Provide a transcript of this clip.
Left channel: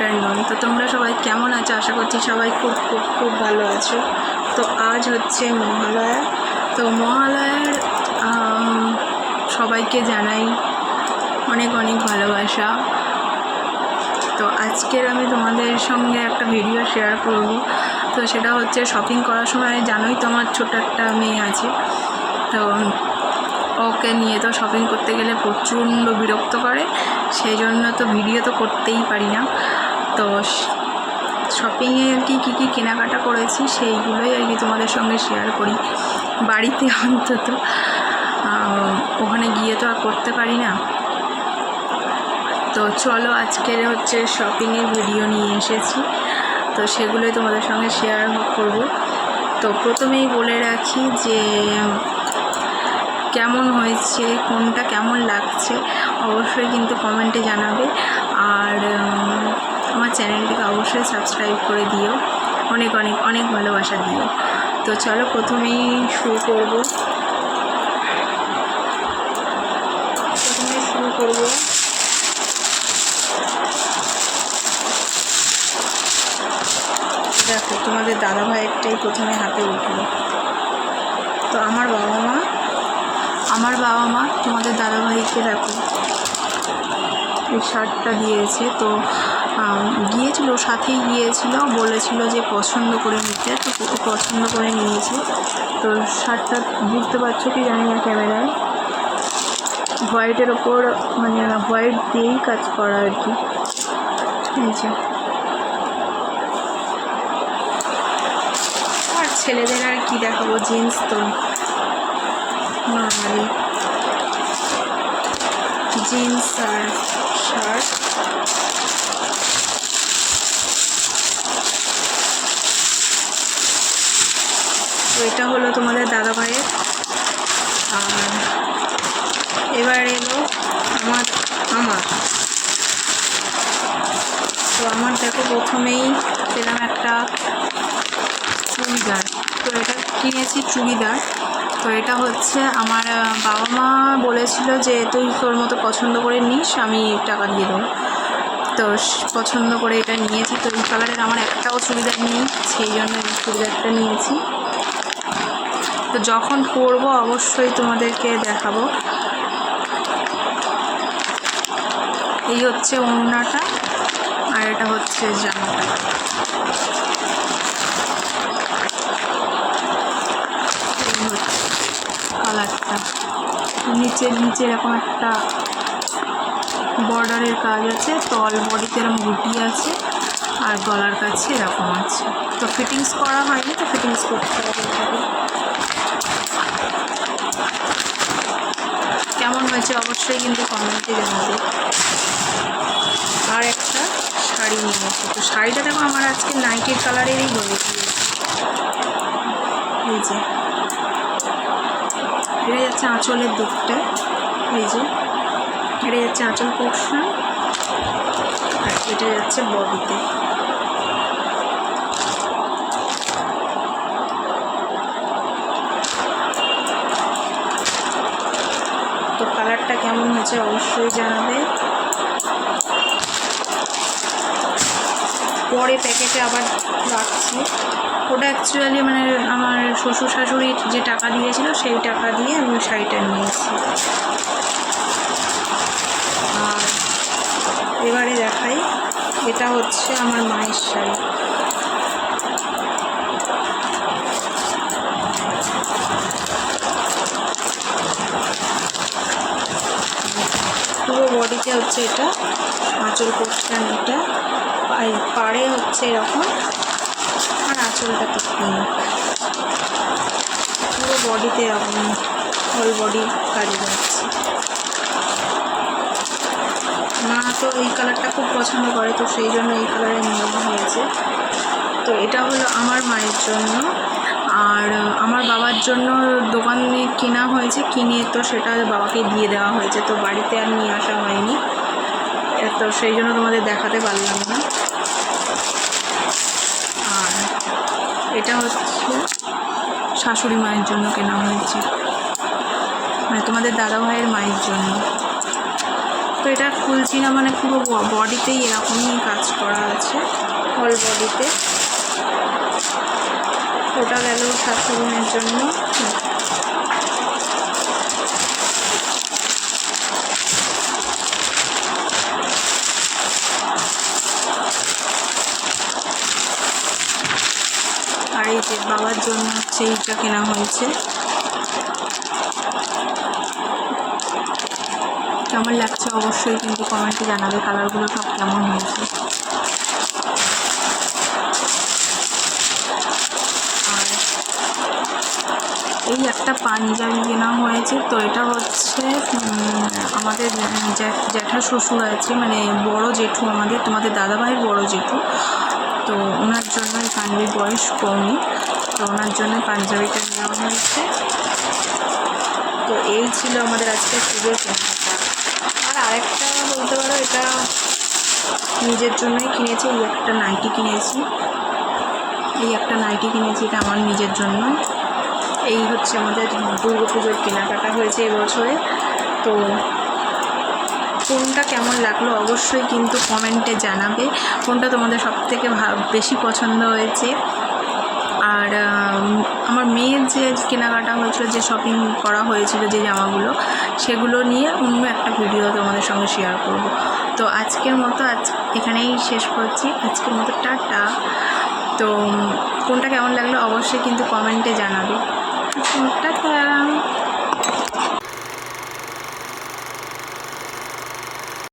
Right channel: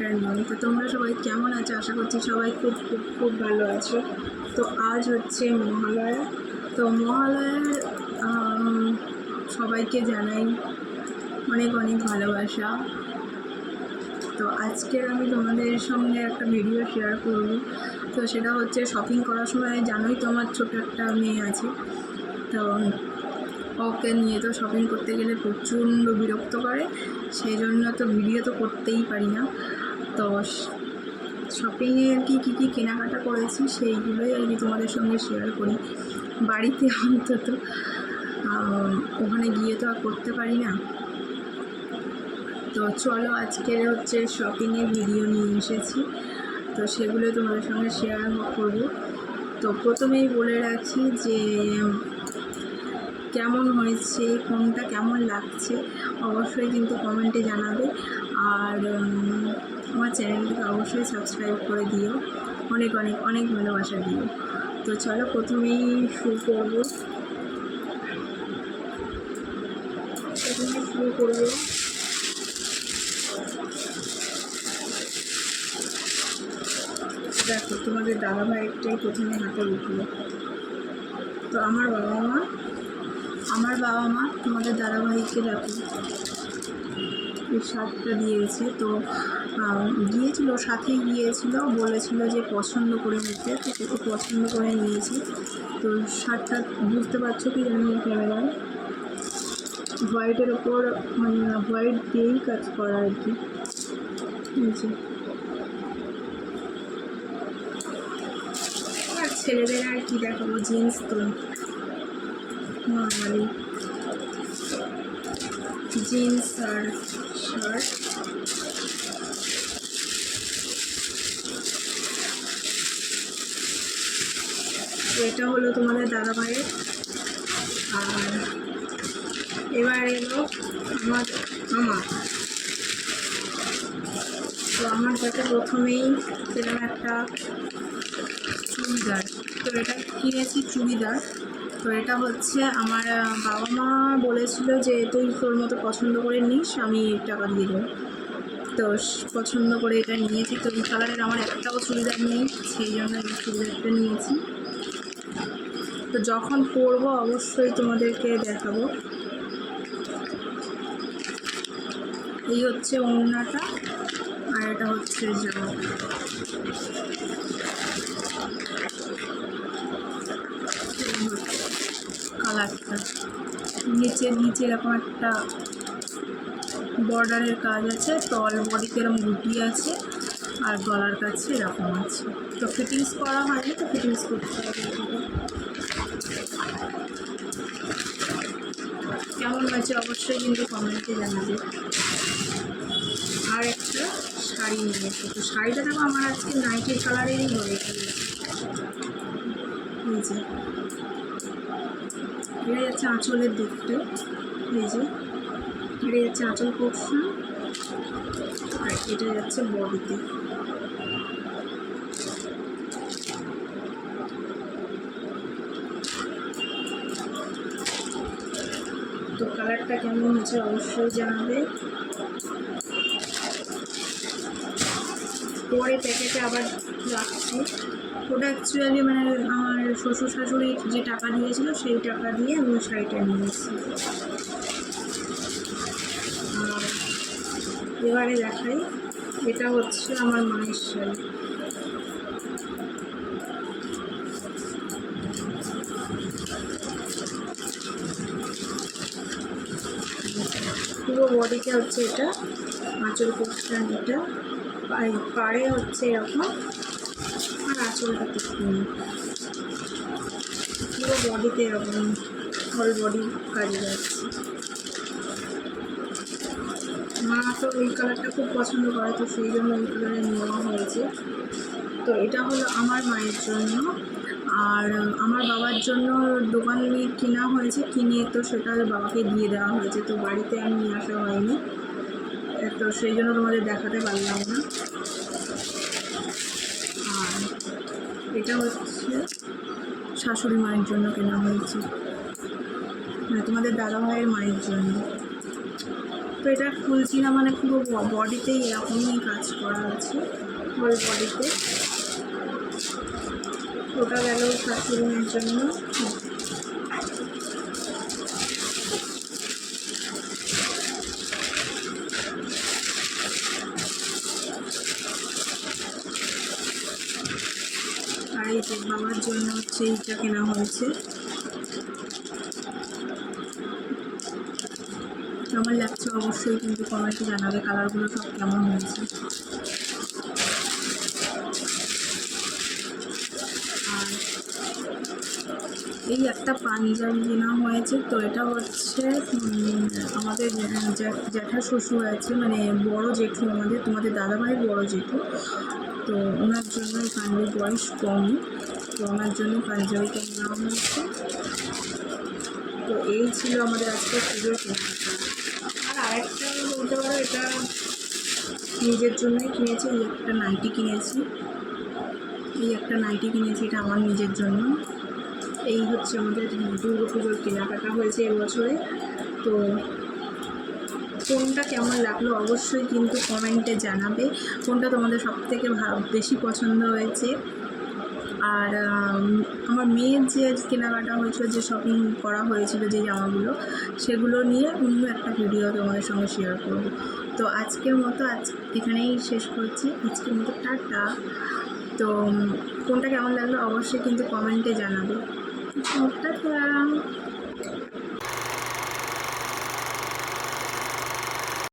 Afternoon. তো তোমরা সবাই কেমন আছো? আশা করছি সবাই খুব খুব খুব ভালো আছো। তো আজ হচ্ছে মহালয়া। তো মহালয়ার সবাইকে জানাই অনেক অনেক ভালোবাসা। তো আজকের আমি তোমাদের সঙ্গে একটা ভিডিও শেয়ার করব। তো সেটা হচ্ছে শপিং করার সময় জানোই তো আমার ছোট একটা মেয়ে আছে, তো ওকে নিয়ে তো শপিং করতে গেলে প্রচণ্ড বিরক্ত করে, সেই জন্য তো ভিডিও তো করতেই পারি না। তো শপিংয়ে আর কি কী কী কেনাকাটা করেছি সেইগুলোই আর কি তোমাদের সঙ্গে শেয়ার করি বাড়িতে অন্তত, ওখানে গিয়ে তো আর করতে পারি না। তো চলো আজকের হচ্ছে শপিংয়ের ভিডিও নিয়ে এসেছি, তো সেগুলোই তোমাদের সঙ্গে শেয়ার করব। তো প্রথমেই বলে রাখি যে কেমন হয়েছে, কোনটা কেমন লাগছে অবশ্যই কিন্তু কমেন্টে জানাবে, আর আমার চ্যানেলটিকে অবশ্যই সাবস্ক্রাইব করে দিও, অনেক অনেক অনেক ভালোবাসা দিও। তো চলো প্রথমেই শুরু করব। দেখো তোমাদের দাদাভাইয়েরটাই প্রথমে হাতে উঠলো। তো আমার বাবা মা তোমাদের দাদাভাইকে দেখো এই শার্টটা দিয়েছে। তো গিয়েছিল, সাথেই গিয়েছিল, বলেছিল যে পছন্দ করে নিতে, তো পছন্দ করে নিয়েছে। তো শার্টটা বুঝতে পারছো কি জানি না ক্যামেরায়, হোয়াইটের ওপর মানে হোয়াইট দিয়েই কাজ করা আর কি। এই যে আর ছেলেদের আর কি দেখাবো, জিন্স তো নর্মালি জিন্স আর শার্ট। তো এটা হলো তোমাদের দাদাভাইয়ের। আর এবার এলো আমার তো আমার দেখো প্রথমেই পেলাম একটা চুড়িদার। তো এটা কিনেছি চুড়িদার। তো এটা হচ্ছে আমার বাবা মা বলেছিল যে তুই তোর মতো পছন্দ করে নিস, আমি টাকা দিয়ে দেবো। তো পছন্দ করে এটা নিয়েছি। তো এই কালারের আমার একটাও চুড়িদার নেই, সেই জন্য এই চুড়িদারটা নিয়েছি। তো যখন পরবো অবশ্যই তোমাদেরকে দেখাবো। এই হচ্ছে ওড়নাটা, আর এটা হচ্ছে জামাটা। কালারটা নিচে এরকম একটা বর্ডারের কাজ আছে, তল বডিতে এরকম বুটি আছে, আর গলার কাছে এরকম আছে। তো ফিটিংস করা হয়নি, তো ফিটিংস করতে হবে। কেমন হয়েছে অবশ্যই কিন্তু কমেন্টে জানাবে। আর একটা শাড়ি নিয়েছি। তো শাড়িটা দেখো আমার আজকে নাইটের কালারেরই হয়ে গিয়েছে। এই যে এটা যাচ্ছে আঁচলের দিকটা, এই যে এটা যাচ্ছে আঁচল পোর্শন, আর এটা যাচ্ছে বডিতে। তো কালারটা কেমন হয়েছে অবশ্যই জানাবে। পরে প্যাকেটে আবার রাখছি। ওটা অ্যাকচুয়ালি মানে আমার শ্বশুর শাশুড়ি যে টাকা দিয়েছিল সেই টাকা দিয়ে আমি শাড়িটা নিয়েছি। আর এবারে দেখাই, এটা হচ্ছে আমার মায়ের শাড়ি। পুরো বডিতে হচ্ছে এটা আঁচল পোর্শন, এটা পাড়ে হচ্ছে এরকম, আর আঁচলটা ঠিক পুরো বডিতে এরকম হোল বডি কাজে যাচ্ছে। মা তো এই কালারটা খুব পছন্দ করে, তো সেই জন্য এই কালারে নেওয়া হয়েছে। তো এটা হলো আমার মায়ের জন্য। আর আমার বাবার জন্য দোকানে কেনা হয়েছে, কিনে তো সেটা বাবাকে দিয়ে দেওয়া হয়েছে, তো বাড়িতে আর নিয়ে আসা হয়নি, তো সেই জন্য তোমাদের দেখাতে পারলাম না। আর এটা হচ্ছে শাশুড়ি মায়ের জন্য কেনা হয়েছে, মানে তোমাদের দাদাভাইয়ের মায়ের জন্য। তো এটা খুলছি না, মানে পুরো বডিতেই এরকমই কাজ করা আছে, হোল বডিতে। ওটা গেল শাশুড়ির জন্য। আর এই যে বাবার জন্য হচ্ছে এইটা কেনা হয়েছে। কেমন লাগছে অবশ্যই কিন্তু কমেন্টে জানাবে, কালারগুলো সব কেমন হয়েছে। আর এই একটা পাঞ্জাবি কেনা হয়েছে। তো এটা হচ্ছে আমাদের জ্যাঠা শ্বশুর আছে, মানে বড় জেঠু আমাদের, তোমাদের দাদাভাইয়ের বড় জেঠু। তো ওনার জন্য এই পাঞ্জাবির বয়স কমই, তো ওনার জন্য পাঞ্জাবিটা নেওয়া হয়েছে। তো এই ছিল আমাদের আজকে পুজোর কেনাকাটা। আর আরেকটা বলতে পারো, এটা নিজের জন্যই কিনেছি। এই একটা নাইটি কিনেছি, এটা আমার নিজের জন্য। এই হচ্ছে আমাদের দুর্গা পুজোর কেনাকাটা হয়েছে এবছরে। তো কোনটা কেমন লাগলো অবশ্যই কিন্তু কমেন্টে জানাবে, কোনটা তোমাদের সবথেকে বেশি পছন্দ হয়েছে। আর আমার মেয়ের যে কেনাকাটা হয়েছিল, যে শপিং করা হয়েছিল, যে জামাগুলো, সেগুলো নিয়ে অন্য একটা ভিডিও তোমাদের সঙ্গে শেয়ার করব। তো আজকের মতো এখানেই শেষ করছি, আজকের মতো টাটা। তো কোনটা কেমন লাগলো অবশ্যই কিন্তু কমেন্টে জানাবে। টাটা।